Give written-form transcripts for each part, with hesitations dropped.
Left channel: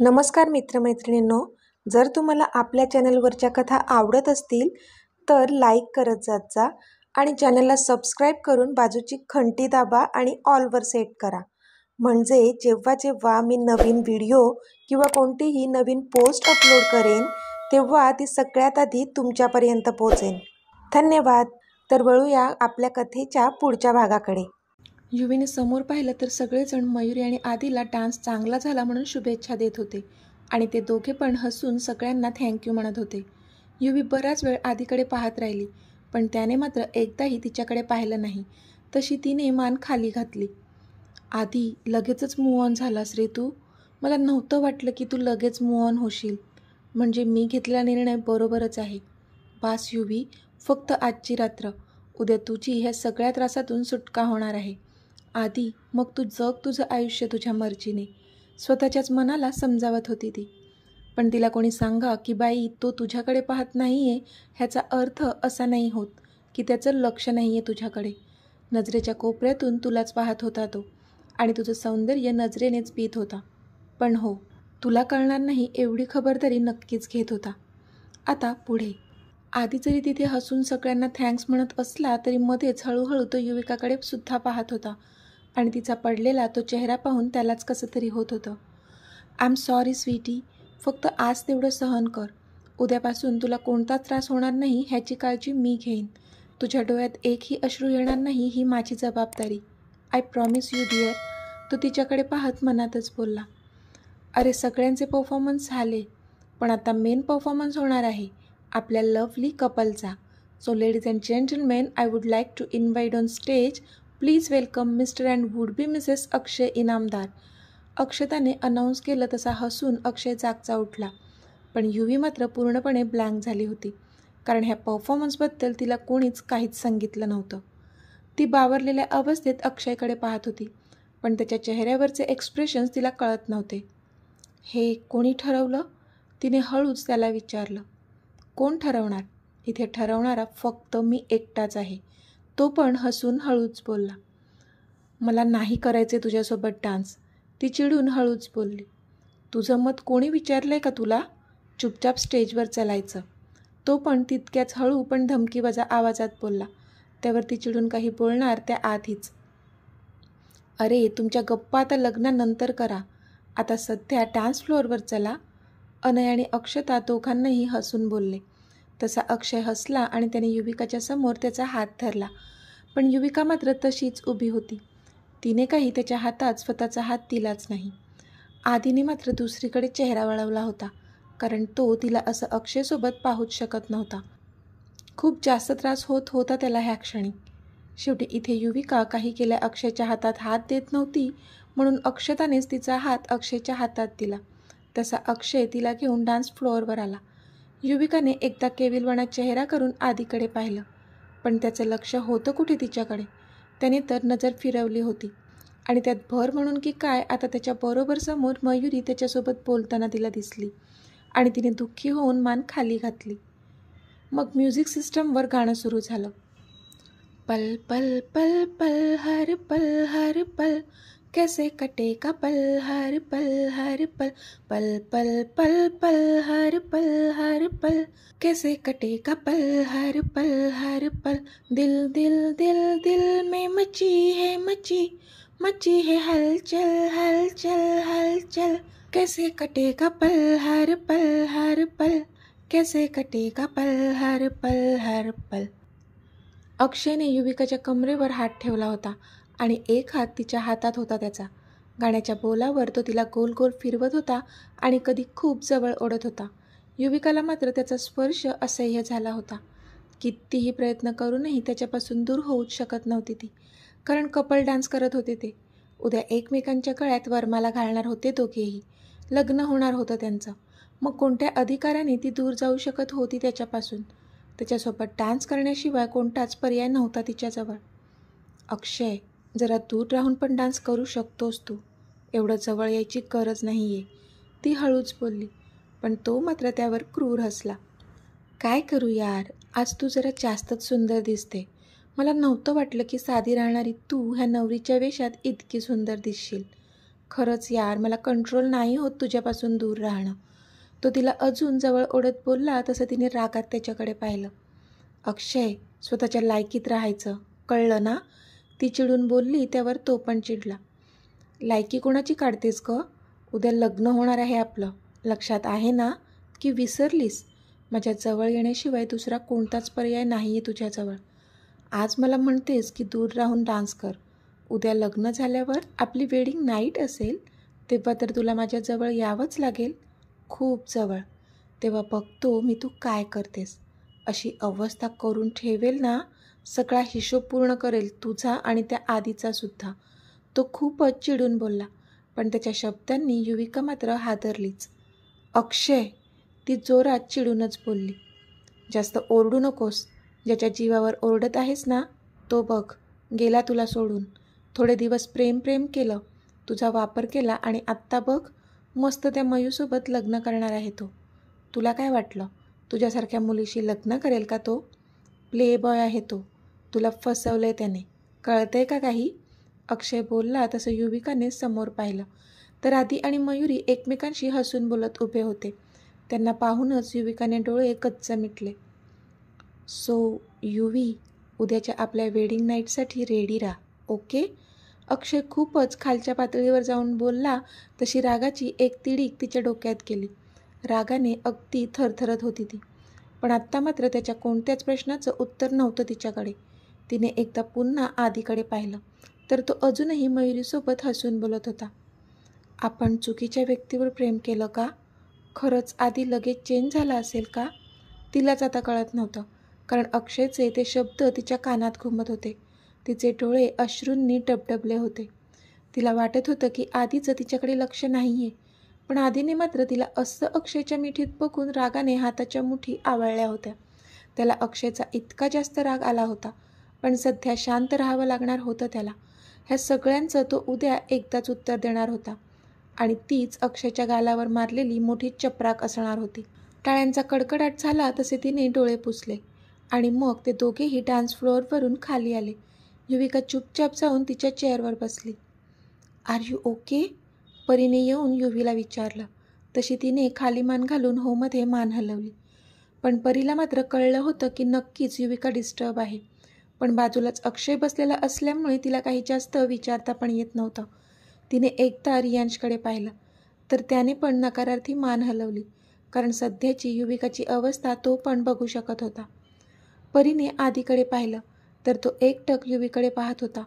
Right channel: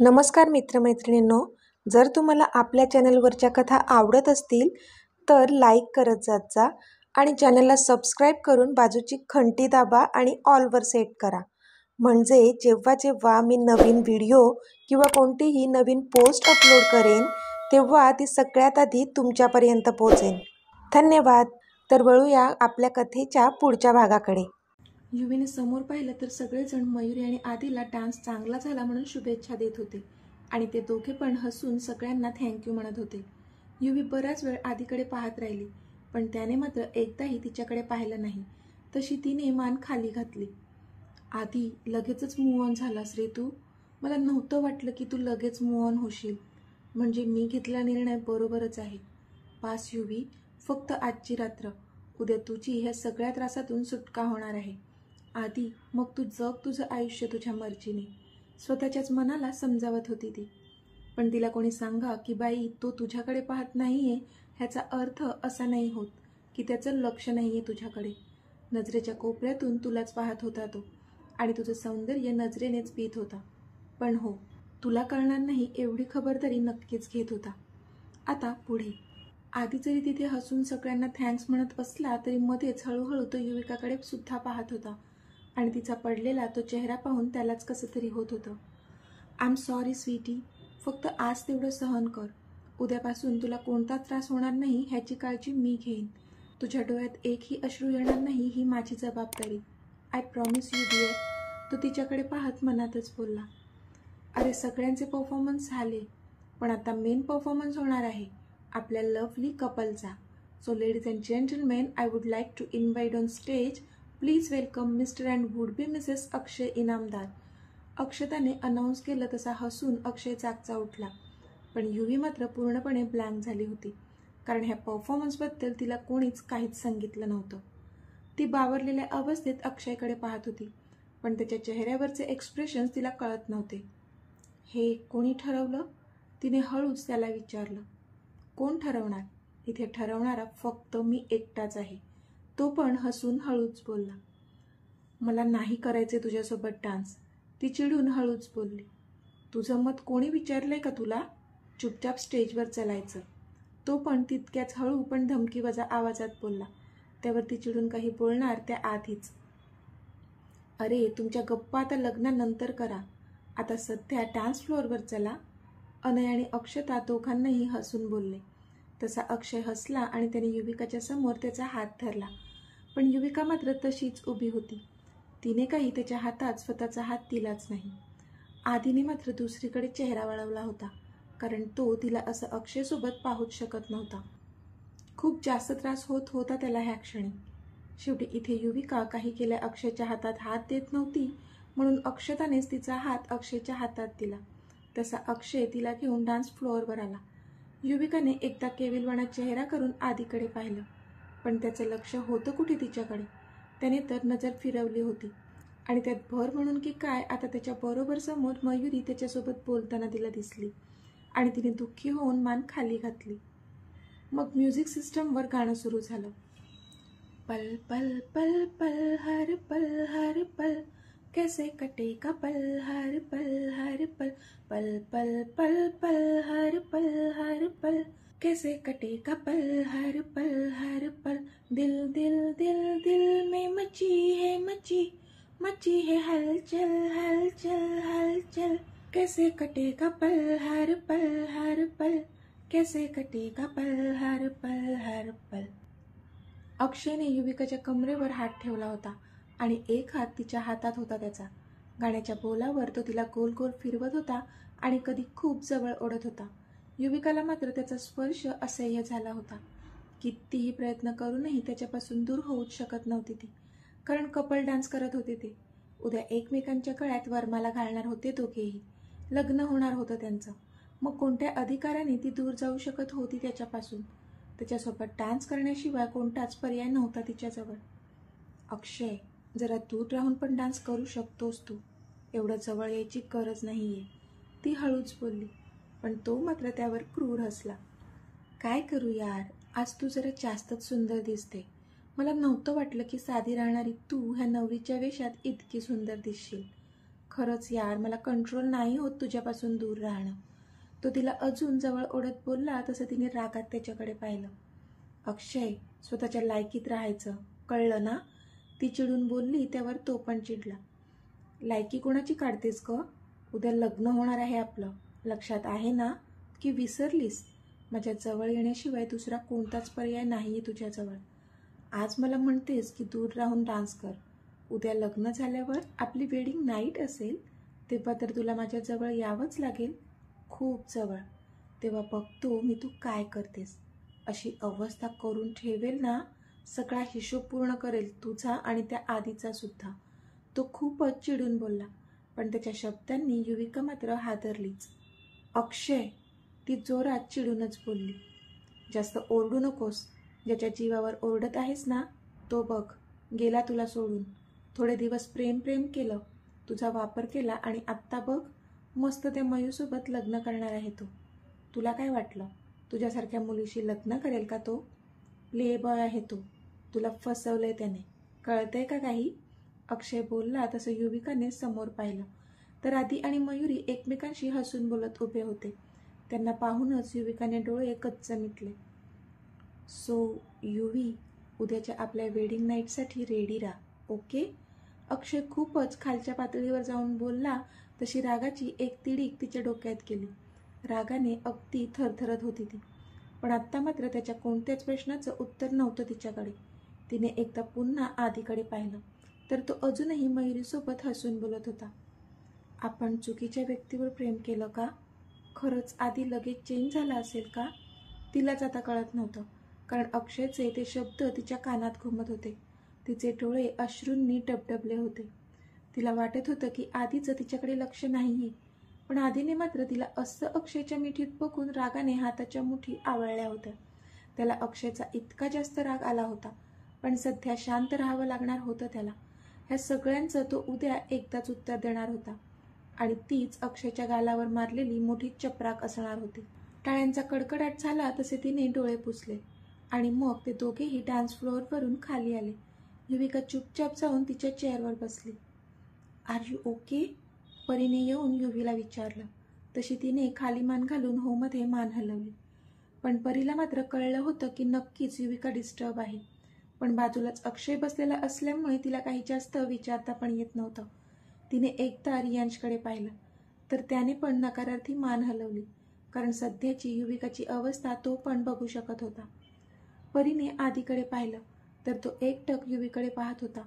नमस्कार मित्रमैत्रिणींनो, जर तुम्हाला आपल्या चॅनलवरच्या कथा आवडत असतील तर लाईक करत जात जा आणि चॅनलला सबस्क्राईब करून बाजूची घंटी दाबा आणि ऑलवर सेट करा. म्हणजे जेव्हा जेव्हा मी नवीन व्हिडिओ किंवा कोणतीही नवीन पोस्ट अपलोड करेन तेव्हा ती सगळ्यात आधी तुमच्यापर्यंत पोहोचेल. धन्यवाद. तर वळूया आपल्या कथेच्या पुढच्या भागाकडे. युवीने समोर पाहिलं तर सगळेजण मयुरी आणि आदीला डान्स चांगला झाला म्हणून शुभेच्छा देत होते आणि ते दोघे पण हसून सगळ्यांना थँक्यू म्हणत होते. युवी बराच वेळ आदीकडे पाहत राहिली, पण त्याने मात्र एकदाही तिच्याकडे पाहिलं नाही. तशी तिने मान खाली घातली. आदी, लगेचच मूव्ह ऑन झालास रे तू. मला नव्हतं वाटलं की तू लगेच मूव्ह ऑन होशील. म्हणजे मी घेतलेला निर्णय बरोबरच आहे. बास युवी, फक्त आजची रात्र. उद्या तुझी ह्या सगळ्या त्रासातून सुटका होणार आहे. आदी, मग तू जग तुझं आयुष्य तुझ्या मर्जीने, स्वतःच्याच मनाला समजावत होती ती. पण तिला कोणी सांगा की बाई तो तुझ्याकडे पाहत नाही आहे ह्याचा अर्थ असा नाही होत की त्याचं लक्ष नाही आहे तुझ्याकडे. नजरेच्या कोपऱ्यातून तुलाच पाहत होता तो आणि तुझं सौंदर्य नजरेनेच पित होता. पण हो, तुला कळणार नाही एवढी खबरदारी नक्कीच घेत होता. आता पुढे. आधी जरी तिथे हसून सगळ्यांना थँक्स म्हणत असला तरी मध्येच हळूहळू तो युविकाकडे सुद्धा पाहत होता आणि तिचा पडलेला तो चेहरा पाहून त्यालाच कसं तरी होत होतं. आय एम सॉरी स्वीटी, फक्त आज तेवढं सहन कर. उद्यापासून तुला कोणताच त्रास होणार नाही ह्याची काळजी मी घेईन. तुझ्या डोळ्यात एकही अश्रू येणार नाही ही माझी जबाबदारी. I promise you dear. तो तिच्याकडे पाहत मनातच बोलला. अरे सगळ्यांचे परफॉर्मन्स झाले, पण आता मेन परफॉर्मन्स होणार आहे आपल्या लवली कपलचा. So ladies and gentlemen, I would like to invite on stage, please welcome Mr and would be Mrs Akshay Inamdar. अक्षताने अनाऊन्स केलं तसा हसून अक्षय जागचा उठला. पण युवी मात्र पूर्णपणे ब्लँक झाली होती, कारण ह्या परफॉर्मन्सबद्दल तिला कोणीच काहीच सांगितलं नव्हतं. ती बावरलेल्या अवस्थेत अक्षयकडे पाहत होती, पण त्याच्या चेहऱ्यावरचे एक्सप्रेशन्स तिला कळत नव्हते. हे कोणी ठरवलं? तिने हळूच त्याला विचारलं. कोण ठरवणार? इथे ठरवणारा फक्त मी एकटाच आहे. तो पण हसून हळूच बोलला. मला नाही करायचे तुझ्यासोबत डान्स. ती चिडून हळूच बोलली. तुझं मत कोणी विचारलंय का तुला? चुपचाप स्टेजवर चलायचं. तो पण तितक्याच हळू पण धमकीवजा आवाजात बोलला. त्यावर ती चिडून काही बोलणार त्या आधीच. अरे तुमच्या गप्पा आता लग्नानंतर करा, आता सध्या डान्स फ्लोअरवर चला. अनय आणि अक्षता दोघांनाही हसून बोलले. तसा अक्षय हसला आणि त्याने युविकाच्या समोर त्याचा हात धरला. पण युविका मात्र तशीच उभी होती. तिने काही त्याच्या हातात स्वतःचा हात दिलाच नाही. आधीने मात्र दुसरीकडे चेहरा वळवला होता, कारण तो तिला असं अक्षयसोबत पाहूच शकत नव्हता. खूप जास्त त्रास होत होता त्याला ह्या क्षणी. शेवटी इथे युविका काही केल्या अक्षयच्या हातात हात देत नव्हती, म्हणून अक्षतानेच तिचा हात अक्षयच्या हातात दिला. तसा अक्षय तिला घेऊन डान्स फ्लोअरवर आला. युविकाने एकदा केविलवाणा चेहरा करून आधीकडे पाहिलं, पण त्याचं लक्ष होतं कुठे तिच्याकडे. त्याने तर नजर फिरवली होती आणि त्यात भर म्हणून की काय आता त्याच्या बरोबर समोर मयुरी त्याच्यासोबत बोलताना तिला दिसली आणि तिने दुःखी होऊन मान खाली घातली. मग म्युझिक सिस्टमवर गाणं सुरू झालं. पल पल पल पल हर पल कैसे कटेगा पल हर पल पल पल पल हर पल कैसे कटेगा पल हर पल दिल दिल दिल दिल में मची है हलचल हलचल हलचल कैसे कटेगा पल हर पल कैसे कटेगा पल हर पल. अक्षयने युविकाच्या कमरेवर हात ठेवला होता आणि एक हात तिच्या हातात होता त्याचा. गाण्याच्या बोलावर तो तिला गोल गोल फिरवत होता आणि कधी खूप जवळ ओढत होता. युविकाला मात्र त्याचा स्पर्श असह्य झाला होता. कितीही प्रयत्न करूनही त्याच्यापासून दूर होऊच शकत नव्हती ती, कारण कपल डान्स करत होते ते. उद्या एकमेकांच्या गळ्यात वरमाला घालणार होते दोघेही. लग्न होणार होतं त्यांचं. मग कोणत्या अधिकाराने ती दूर जाऊ शकत होती त्याच्यापासून? त्याच्यासोबत डान्स करण्याशिवाय कोणताच पर्याय नव्हता तिच्याजवळ. अक्षय, जरा दूर राहून पण डान्स करू शकतोस तू, एवढं जवळ यायची गरज नाही आहे, ती हळूच बोलली. पण तो मात्र त्यावर क्रूर हसला. काय करू यार, आज तू जरा जास्तच सुंदर दिसते. मला नव्हतं वाटलं की साधी राहणारी तू ह्या नवरीच्या वेशात इतकी सुंदर दिसशील. खरंच यार, मला कंट्रोल नाही होत तुझ्यापासून दूर राहणं. तो तिला अजून जवळ ओढत बोलला तसं तिने रागात त्याच्याकडे पाहिलं. अक्षय, स्वतःच्या लायकीत राहायचं, कळलं ना? ती चिडून बोलली. त्यावर तो पण चिडला. लायकी कोणाची काढतेस ग? उद्या लग्न होणार आहे आपलं, लक्षात आहे ना? की विसरलीस? माझ्या जवळ येण्याशिवाय दुसरा कोणताच पर्याय नाही आहे तुझ्याजवळ. आज मला म्हणतेस की दूर राहून डान्स कर. उद्या लग्न झाल्यावर आपली वेडिंग नाईट असेल तेव्हा तर तुला माझ्याजवळ यावंच लागेल, खूप जवळ. तेव्हा बघतो मी तू काय करतेस. अशी अवस्था करून ठेवेल ना, सगळा हिशोब पूर्ण करेल तुझा आणि त्या आधीचा सुद्धा. तो खूपच चिडून बोलला, पण त्याच्या शब्दांनी युविका मात्र हादरलीच. अक्षय, ती जोरात चिडूनच बोलली. जास्त ओरडू नकोस. ज्याच्या जीवावर ओरडत आहेस ना, तो बघ गेला तुला सोडून. थोडे दिवस प्रेम केलं, तुझा वापर केला आणि आत्ता बघ मस्त त्या मयूसोबत लग्न करणार आहे तो. तुला काय वाटलं, तुझ्यासारख्या मुलीशी लग्न करेल का तो? प्ले बॉय आहे तो. तुला फसवलंय त्याने, कळतंय का काही? अक्षय बोलला तसं युविकाने समोर पाहिलं तर आदी आणि मयुरी एकमेकांशी हसून बोलत उभे होते. त्यांना पाहूनच युविकाने डोळे गच्च मिटले. सो युवी, उद्याच्या आपल्या वेडिंग नाईटसाठी रेडी राहा, ओके? अक्षय खूपच खालच्या पातळीवर जाऊन बोलला तशी रागाची एक तिडीक तिच्या डोक्यात गेली. रागाने अगदी थरथरत होती ती. पण आत्ता मात्र त्याच्या कोणत्याच प्रश्नाचं उत्तर नव्हतं तिच्याकडे. तिने एकदा पुन्हा आधीकडे पाहिलं तर तो अजूनही मयुरीसोबत हसून बोलत होता. आपण चुकीच्या व्यक्तीवर प्रेम केलं का? खरंच आधी लगेच चेंज झाला असेल का? तिलाच आता कळत नव्हतं, कारण अक्षयचे ते शब्द तिच्या कानात घुमत होते. तिचे डोळे अश्रूंनी डबडबले होते. तिला वाटत होतं की आधीचं तिच्याकडे लक्ष नाही आहे, पण आधीने मात्र तिला असं अक्षयच्या मिठीत बघून रागाने हाताच्या मुठी आवळल्या होत्या. त्याला अक्षयचा इतका जास्त राग आला होता, पण सध्या शांत राहावं लागणार होतं त्याला. ह्या सगळ्यांचं तो उद्या एकदाच उत्तर देणार होता आणि तीच अक्षयच्या गालावर मारलेली मोठी चपराक असणार होती. टाळ्यांचा कडकडाट झाला तसे तिने डोळे पुसले आणि मग ते दोघेही डान्स फ्लोअरवरून खाली आले. युविका चुपचाप जाऊन तिच्या चेअरवर बसली. Are you okay? परीने येऊन युवीला विचारलं. तशी तिने खाली मान घालून होमध्ये मान हलवली. पण परीला मात्र कळलं होतं की नक्कीच युविका डिस्टर्ब आहे. पण बाजूलाच अक्षय बसलेला असल्यामुळे तिला काही जास्त विचारता पण येत नव्हतं. तिने एकदा रियांशकडे पाहिलं तर त्याने पण नकारार्थी मान हलवली, कारण सध्याची युविकाची अवस्था तो पण बघू शकत होता. परीने आधीकडे पाहिलं तर तो एकटक युवीकडे पाहत होता,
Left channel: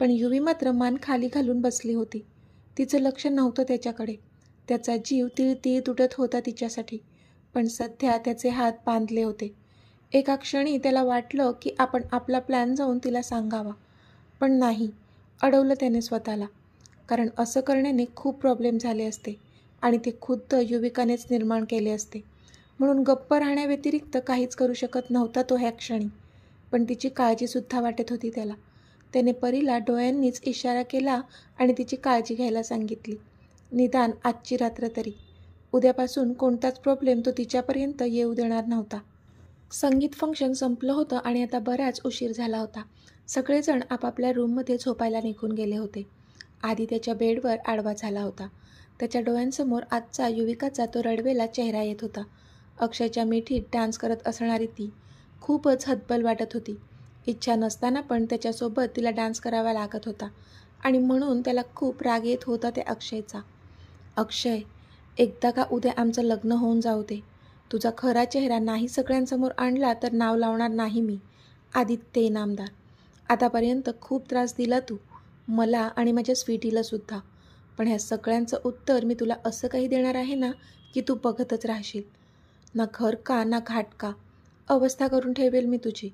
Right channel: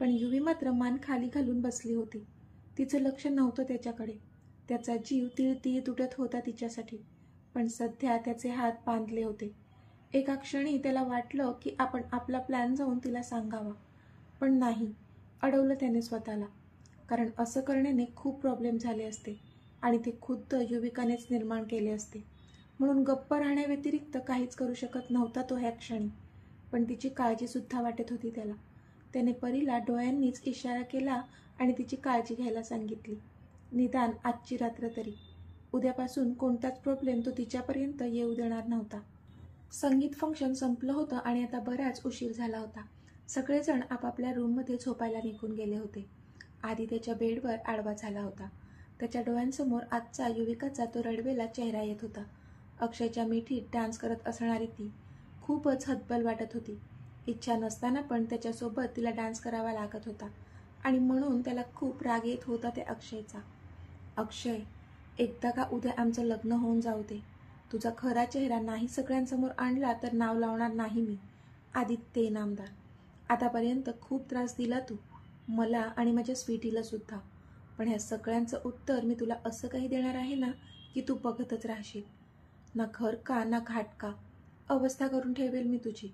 पण युवी मात्र मान खाली घालून बसली होती. तिचं लक्ष नव्हतं त्याच्याकडे. त्याचा जीव तिळतीळ तुटत होता तिच्यासाठी, पण सध्या त्याचे हात बांधले होते. एका क्षणी त्याला वाटलं की आपण आपला प्लॅन जाऊन तिला सांगावा, पण नाही, अडवलं त्याने स्वतःला, कारण असं करण्याने खूप प्रॉब्लेम झाले असते आणि ते खुद्द युविकानेच निर्माण केले असते. म्हणून गप्प राहण्याव्यतिरिक्त काहीच करू शकत नव्हता तो ह्या क्षणी. पण तिची काळजीसुद्धा वाटत होती त्याला. त्याने परीला डोळ्यांनीच इशारा केला आणि तिची काळजी घ्यायला सांगितली, निदान आजची रात्र तरी. उद्यापासून कोणताच प्रॉब्लेम तो तिच्यापर्यंत येऊ देणार नव्हता. संगीत फंक्शन संपलं होतं आणि आता बराच उशीर झाला होता. सगळेजण आपापल्या रूममध्ये झोपायला निघून गेले होते. आधी त्याच्या बेडवर आडवा झाला होता. त्याच्या डोळ्यांसमोर आजचा युविकाचा तो रडवेला चेहरा येत होता. अक्षयच्या मिठीत डान्स करत असणारी ती खूपच हतबल वाटत होती. इच्छा नसताना पण त्याच्यासोबत तिला डान्स करावा लागत होता आणि म्हणून त्याला खूप राग येत होता त्या अक्षयचा. अक्षय, एकदा का उद्या आमचं लग्न होऊन जाऊ दे. तुझा खरा चेहरा नाही सगळ्यांसमोर आणला तर नाव लावणार नाही मी, आदित्य इनामदार. आतापर्यंत खूप त्रास दिला तू मला आणि माझ्या स्वीटीला सुद्धा, पण ह्या सगळ्यांचं उत्तर मी तुला असं काही देणार आहे ना की तू बघतच राहशील. ना घर का ना घाट का, अवस्था करून ठेवेल मी तुझी,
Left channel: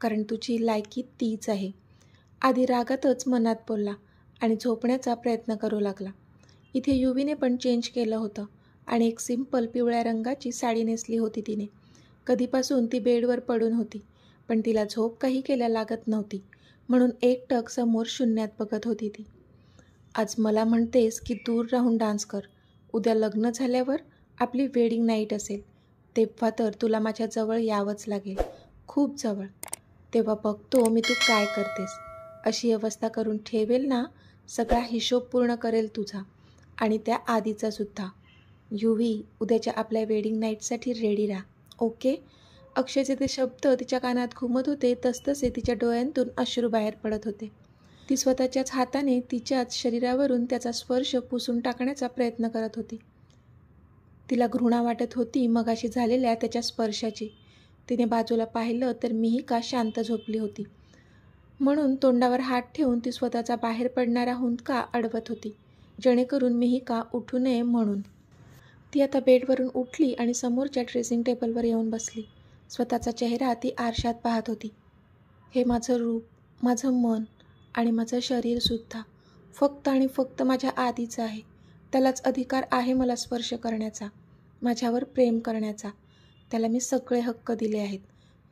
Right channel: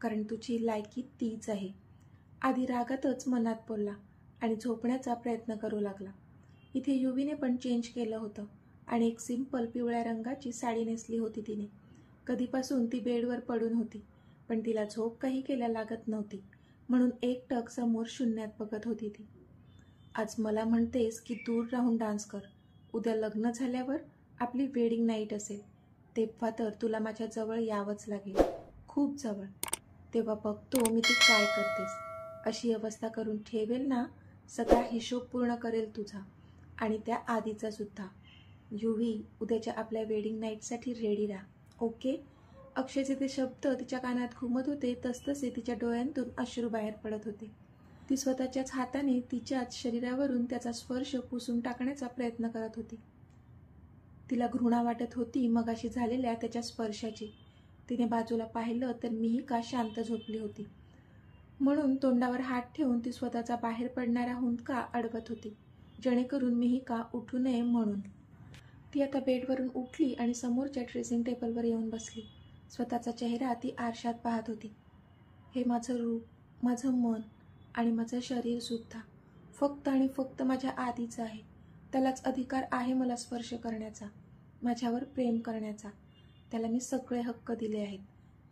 कारण तुझी लायकी तीच आहे. आधी रागातच मनात बोलला आणि झोपण्याचा प्रयत्न करू लागला. इथे युवीने पण चेंज केलं होतं आणि एक सिंपल पिवळ्या रंगाची साडी नेसली होती तिने. कधीपासून ती बेडवर पडून होती, पण तिला झोप काही केल्या लागत नव्हती, म्हणून एकटक समोर शून्यात बघत होती ती. आज मला म्हणतेस की दूर राहून डान्स कर. उद्या लग्न झाल्यावर आपली वेडिंग नाईट असेल तेव्हा तर तुला माझ्या जवळ यावंच लागेल, खूप जवळ. तेव्हा बघतो मी तू काय करतेस. अशी अवस्था करून ठेवेल ना, सगळा हिशोब पूर्ण करेल तुझा. आणि त्या आधीचासुद्धा. युवी, उद्याच्या आपल्या वेडिंग नाईटसाठी रेडी राहा, ओके? अक्षयचे ते शब्द तिच्या कानात घुमत होते तसतसे तिच्या डोळ्यांतून अश्रू बाहेर पडत होते. ती स्वतःच्याच हाताने तिच्याच शरीरावरून त्याचा स्पर्श पुसून टाकण्याचा प्रयत्न करत होती. तिला घृणा वाटत होती मगाशी झालेल्या त्याच्या स्पर्शाची. तिने बाजूला पाहिलं तर मिहिका शांत झोपली होती. म्हणून तोंडावर हात ठेवून ती स्वतःचा बाहेर पडणारा हुंदका अडवत होती, जेणेकरून मिहिका उठू नये म्हणून. ती आता बेडवरून उठली आणि समोरच्या ड्रेसिंग टेबलवर येऊन बसली. स्वतःचा चेहरा ती आरशात पाहत होती. हे माझं रूप, माझं मन आणि माझं शरीरसुद्धा फक्त आणि फक्त माझ्या आधीचं आहे. त्यालाच अधिकार आहे मला स्पर्श करण्याचा, माझ्यावर प्रेम करण्याचा. त्याला मी सगळे हक्क दिले आहेत.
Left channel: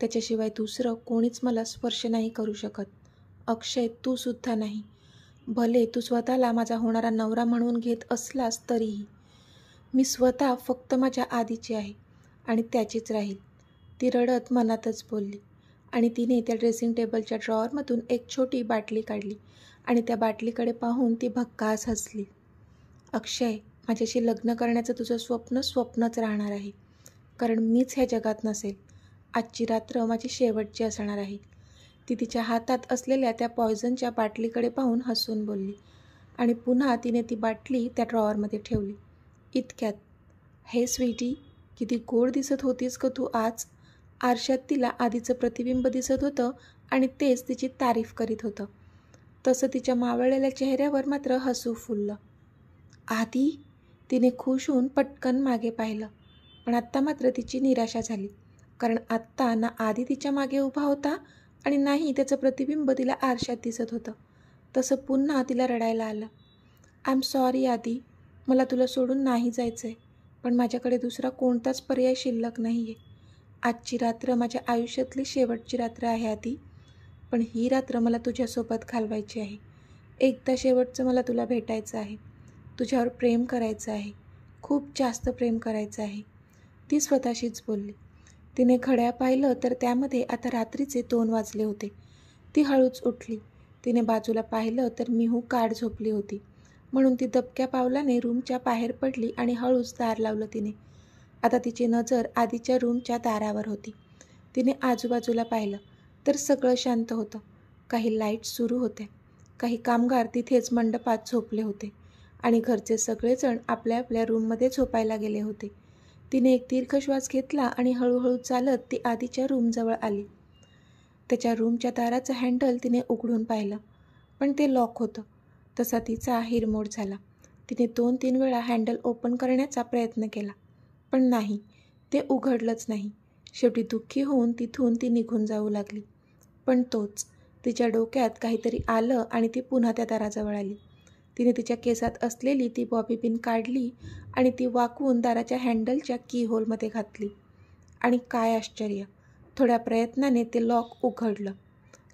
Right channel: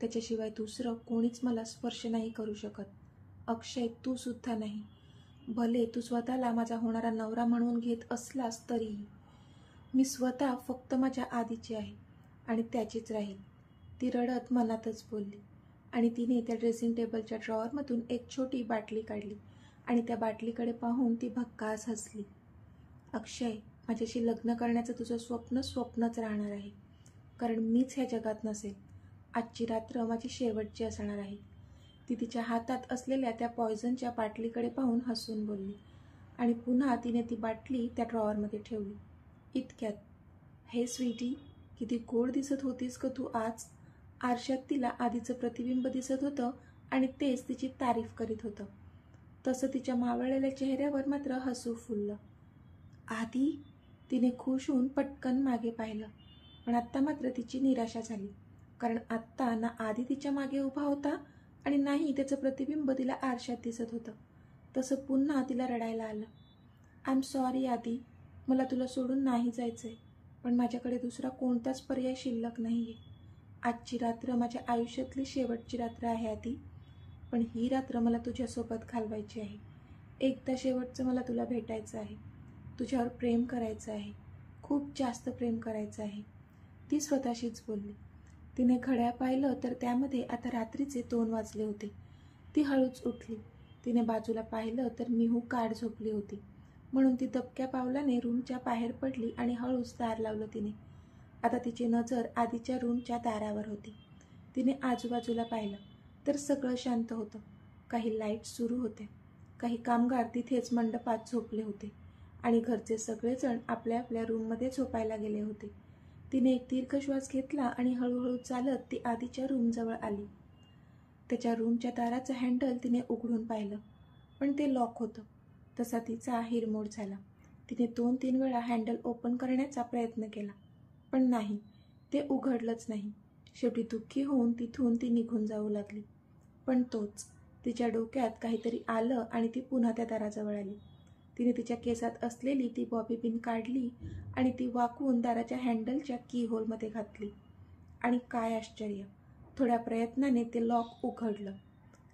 त्याच्याशिवाय दुसरं कोणीच मला स्पर्श नाही करू शकत. अक्षय, तू सुद्धा नाही. भले तू स्वतःला माझा होणारा नवरा म्हणून घेत असलास तरीही मी स्वतः फक्त माझ्या आधीची आहे आणि त्याचीच राहील. ती रडत मनातच बोलली आणि तिने त्या ड्रेसिंग टेबलच्या ड्रॉवरमधून एक छोटी बाटली काढली आणि त्या बाटलीकडे पाहून ती भक्कास हसली. अक्षय, माझ्याशी लग्न करण्याचं तुझं स्वप्न स्वप्नच राहणार आहे, कारण मीच ह्या जगात नसेल. आजची रात्र माझी शेवटची असणार आहे. ती तिच्या हातात असलेल्या त्या पॉयझनच्या बाटलीकडे पाहून हसून बोलली आणि पुन्हा तिने ती बाटली त्या ड्रॉवरमध्ये ठेवली. इतक्यात, हे स्वीटी, किती गोड दिसत होतीस ग तू आज. आरशात तिला आधीचं प्रतिबिंब दिसत होतं आणि तेच तिची तारीफ करीत होतं. तसं तिच्या मावळलेल्या चेहऱ्यावर मात्र हसू फुललं. आधी, तिने खुश होऊन पटकन मागे पाहिलं, पण आत्ता मात्र तिची निराशा झाली, कारण आत्ता ना आधी तिच्या मागे उभा होता आणि नाही त्याचं प्रतिबिंब तिला आरशात दिसत होतं. तसं पुन्हा तिला रडायला आलं. आय एम सॉरी आधी, मला तुला सोडून नाही जायचं आहे, पण माझ्याकडे दुसरा कोणताच पर्याय शिल्लक नाही आहे. आजची रात्र माझ्या आयुष्यातली शेवटची रात्र आहे आधी, पण ही रात्र मला तुझ्यासोबत घालवायची आहे. एकदा शेवटचं मला तुला भेटायचं आहे, तुझ्यावर प्रेम करायचं आहे, खूप जास्त प्रेम करायचं आहे. ती स्वतःशीच बोलली. तिने घड्याळ पाहिलं तर त्यामध्ये आता रात्रीचे 2 वाजले होते. ती हळूच उठली. तिने बाजूला पाहिलं तर मिहू गाढ झोपली होती, म्हणून ती दबक्या पावलाने रूमच्या बाहेर पडली आणि हळूच दार लावलं तिने. आता तिची नजर आधीच्या रूमच्या दारावर होती. तिने आजूबाजूला पाहिलं तर सगळं शांत होतं. काही लाईट्स सुरू होत्या, काही कामगार तिथेच मंडपात झोपले होते आणि घरचे सगळेजण आपल्या आपल्या रूममध्ये झोपायला गेले होते. तिने एक दीर्घ श्वास घेतला आणि हळूहळू चालत ती आधीच्या रूमजवळ आली. त्याच्या रूमच्या दाराचं हँडल तिने उघडून पाहिलं, पण ते लॉक होतं. तसा तिचा हिरमोड झाला. तिने 2-3 वेळा हँडल ओपन करण्याचा प्रयत्न केला, पण नाही, ते उघडलंच नाही. शेवटी दुःखी होऊन तिथून ती निघून जाऊ लागली. पण तोच, तिच्या डोक्यात काहीतरी आलं आणि ती पुन्हा त्या दाराजवळ आली. तिने तिच्या केसात असलेली ती बॉबी पिन काढली आणि ती वाकवून दाराच्या हँडलच्या की होलमध्ये घातली. आणि काय आश्चर्य, थोड्या प्रयत्नाने ते लॉक उघडलं.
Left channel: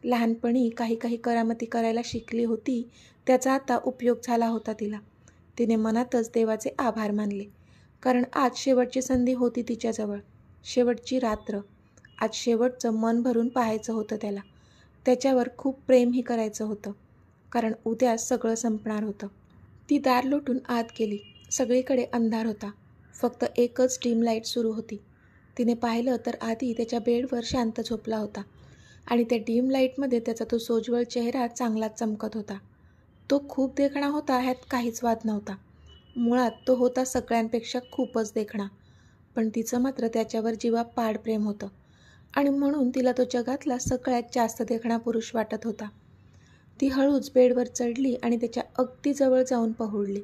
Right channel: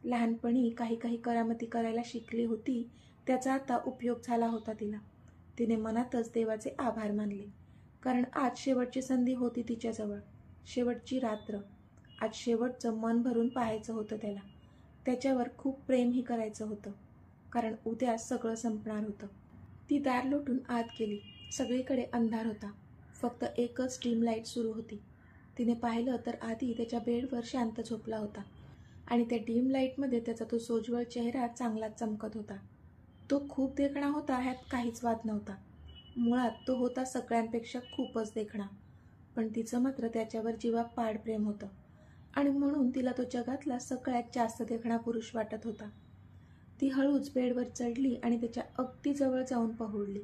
लहानपणी काही काही करामती करायला शिकली होती, त्याचा आता उपयोग झाला होता तिला. तिने मनातच देवाचे आभार मानले, कारण आज शेवटची संधी होती तिच्याजवळ. शेवटची रात्र. आज शेवटचं मन भरून पाहायचं होतं त्याला. त्याच्यावर खूप प्रेमही करायचं होतं, कारण उद्या सगळं संपणार होतं. ती दार लोटून आत गेली. सगळीकडे अंधार होता. फक्त एकच डीम लाईट सुरू होती. तिने पाहिलं तर आधी त्याच्या बेडवर शांत झोपला होता आणि त्या डीम लाईटमध्ये त्याचा तो सोज्वळ चेहरा चांगलाच चमकत होता. तो खूप देखणा होता, ह्यात काहीच वाद नव्हता. मुळात तो होता सगळ्यांपेक्षा खूपच देखणा, पण तिचं मात्र त्याच्यावर जीवापाड प्रेम होतं आणि म्हणून तिला तो जगातला सगळ्यात जास्त देखणा पुरुष वाटत होता. ती हळूच बेडवर चढली आणि त्याच्या अगदी जवळ जाऊन पहुडली.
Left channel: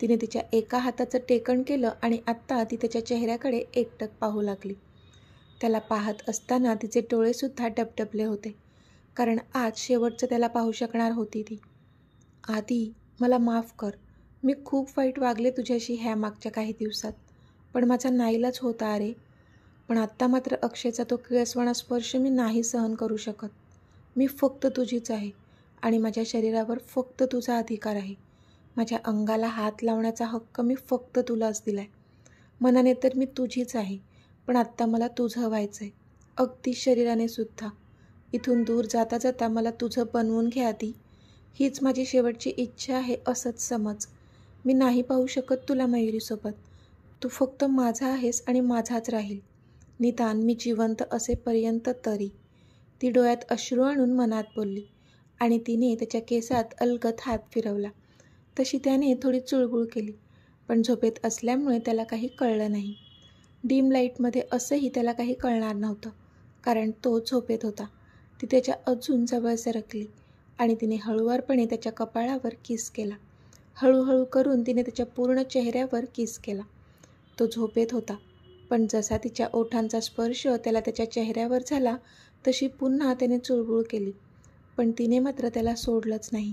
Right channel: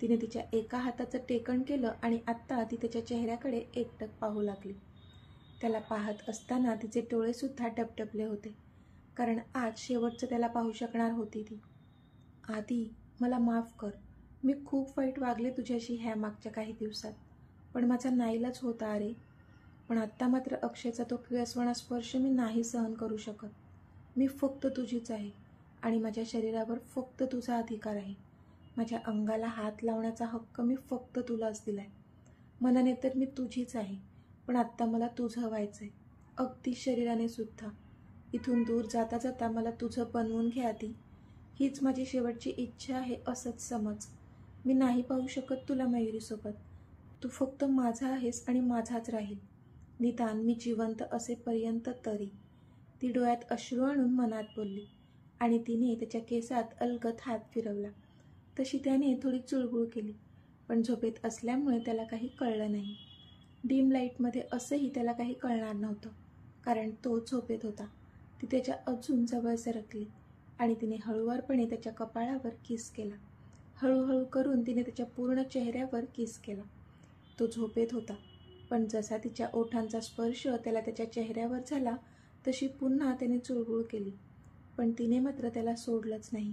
तिने तिच्या एका हाताचं टेकण केलं आणि आत्ता ती त्याच्या चेहऱ्याकडे एकटक पाहू लागली. त्याला पाहत असताना तिचे डोळेसुद्धा डबडबले होते, कारण आज शेवटचं त्याला पाहू शकणार होती ती. आधी, मला माफ कर. मी खूप वाईट वागले तुझ्याशी ह्या मागच्या काही दिवसात, पण माझा नाईलाज होता अरे. पण आत्ता मात्र अक्षयचा तो किळसवाणा स्पर्श मी नाही सहन करू शकत. मी फक्त तुझीच आहे आणि माझ्या शरीरावर फक्त तुझा अधिकार आहे. माझ्या अंगाला हात लावण्याचा हक्क मी फक्त तुलाच दिलाय. मनाने तर मी तुझीच आहे, पण आत्ता मला तुझं व्हायचं आहे, अगदी शरीराने सुद्धा. इथून दूर जाता जाता मला तुझं बनवून घे आधी. हीच माझी शेवटची इच्छा आहे असंच समज. मी नाही पाहू शकत तुला मयुरीसोबत. तू फक्त माझा आहेस आणि माझाच राहील, निदान मी जिवंत असेपर्यंत तरी. ती डोळ्यात अश्रू आणून मनात बोलली आणि तिने त्याच्या केसात अलगद हात फिरवला. तशी त्याने थोडी चुळबुळ केली, पण झोपेत असल्यामुळे त्याला काही कळलं नाही. डीम लाईटमध्ये असंही त्याला काही कळणार नव्हतं, कारण तो झोपेत होता. ती त्याच्या अजून जवळ सरकली आणि तिने हळुवारपणे त्याच्या कपाळावर किस केला. हळूहळू करून तिने त्याच्या पूर्ण चेहऱ्यावर किस केला. तो झोपेत होता, पण जसा तिच्या ओठांचा स्पर्श त्याला त्याच्या चेहऱ्यावर झाला तशी पुन्हा त्याने चुळबुळ केली, पण तिने मात्र त्याला सोडलंच नाही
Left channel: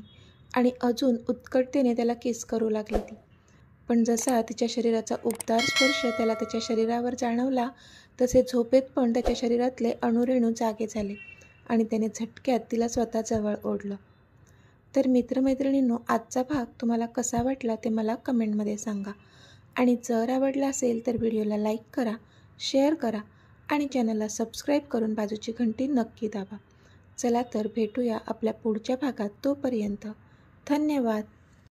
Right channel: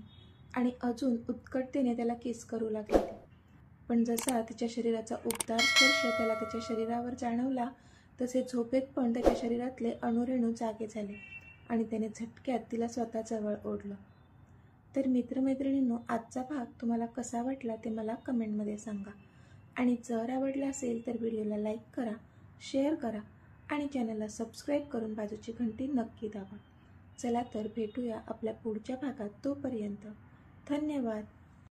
आणि अजून उत्कटतेने त्याला किस करू लागली ती. पण जसा तिच्या शरीराचा उबदार स्पर्श त्याला त्याच्या शरीरावर जाणवला तसे झोपेत पण त्याच्या शरीरातले अणुरेणू जागे झाले आणि त्याने झटक्यात तिला स्वतःजवळ ओढलं. तर मित्रमैत्रिणींनो, आजचा भाग तुम्हाला कसा वाटला ते मला कमेंटमध्ये सांगा आणि जर आवडला असेल तर व्हिडिओला लाईक करा, शेअर करा आणि चॅनलला सबस्क्राईब करून बाजूची घंटी नक्की दाबा. चला तर भेटूया आपल्या पुढच्या भागात. तोपर्यंत धन्यवाद.